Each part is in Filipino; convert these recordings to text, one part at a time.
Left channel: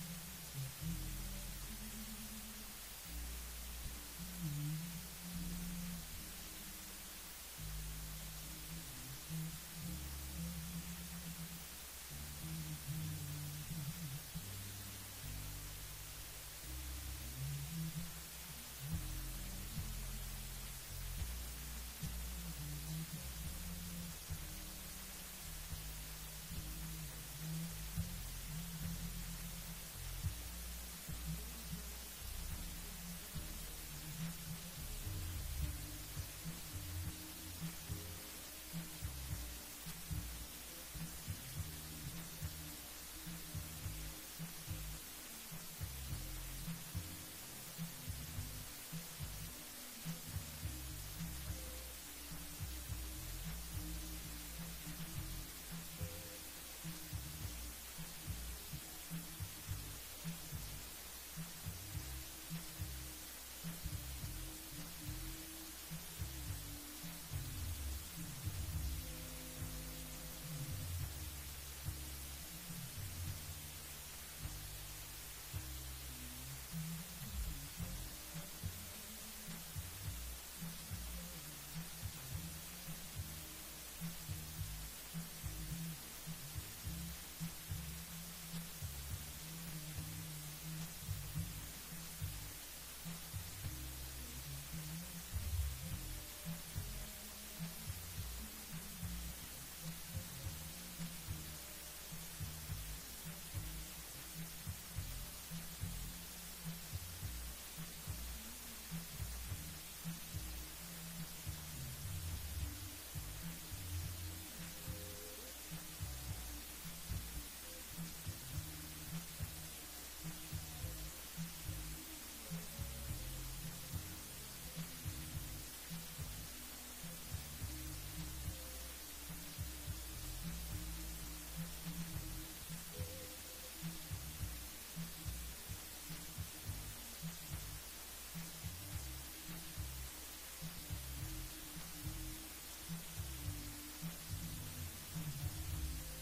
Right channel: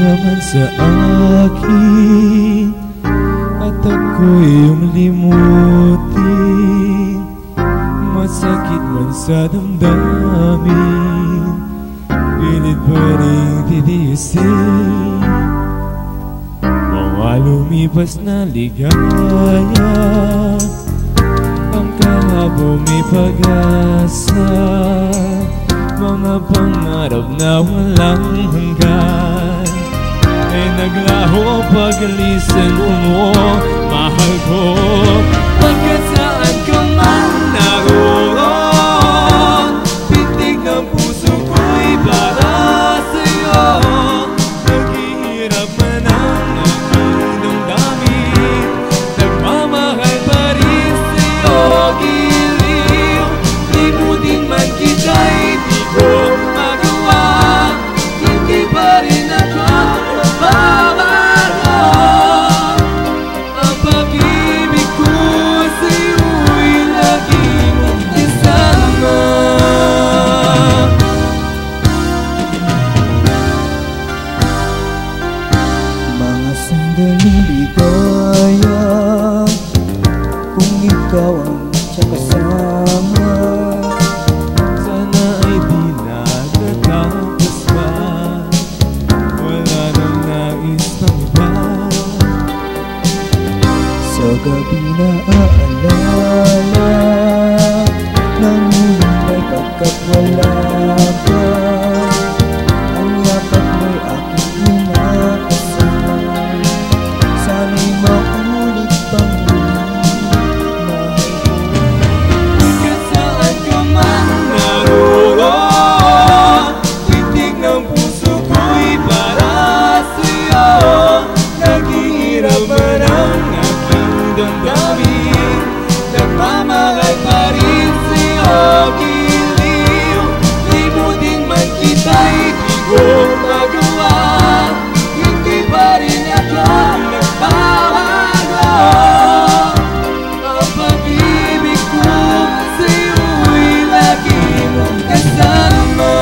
ka man sa akin at ako'y iyong limutin, masakit man sa damdamin, pilit pa rin titiisin. Mga lumipas na ligaya, ang kahapon may pag-asa, mga pangarap na walang hanggan ay naglaho pag-alisan mo, mahal ko. Pagkat saan ka man naroon, pitik ng puso ko'y para sa'yo. Naghihirap man ang aking damdamin, nagmamahal pa rin sa'yo. Giliw, limutin man kita'y di ko magawa, hindi pa rin ako babago. Ang pag-ibig ko sa'yo'y laging isama. Mga sandaling ligaya, kung ikaw ang siyang kasama, sana ay di natatapos pa, wala nang nais pang iba. Sa gabi na aalala, nanginay pagkat wala ka, ang yakap mo'y aking inaasal. Sana'y maulit pang muli, mahal ko. Hanggang saan ka man naroon, titig ng puso ko'y para sa'yo. Naghihirap man ang aking damdamin, nagmamahal pa rin sa'yo. Giliw, limutin man kita'y di ko magawa, hindi pa rin ako nagbabago. Ang pag-ibig ko sa'yo'y laging kasama.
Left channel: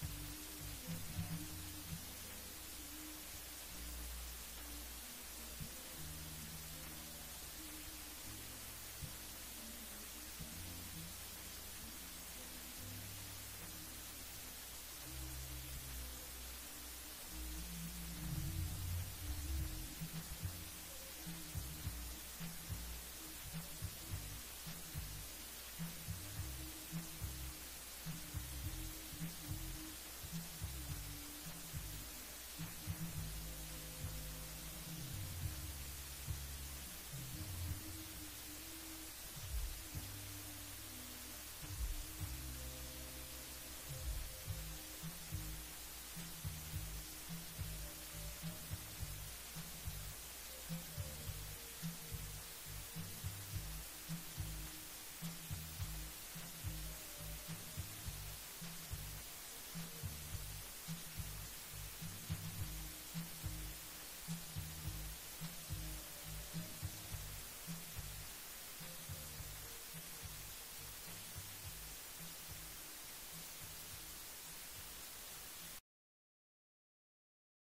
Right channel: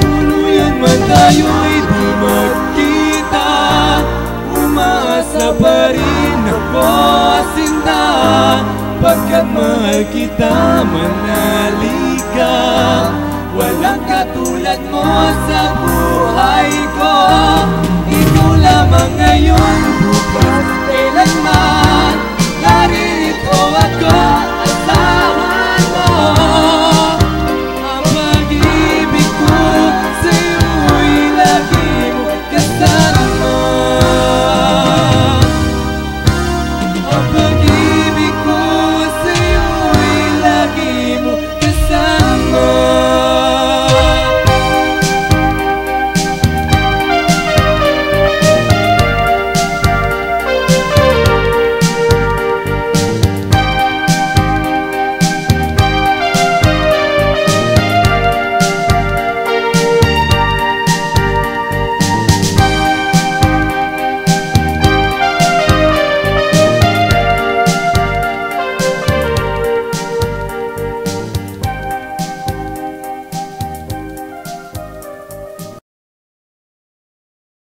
Tuluyan man tayo'y di magkita, umaasa pa rin ako, sinta. Pagkat mahal kita, manalika, walang katulad mo sa buhay ko. Ikaw lamang ngayon, bukas, kailanman.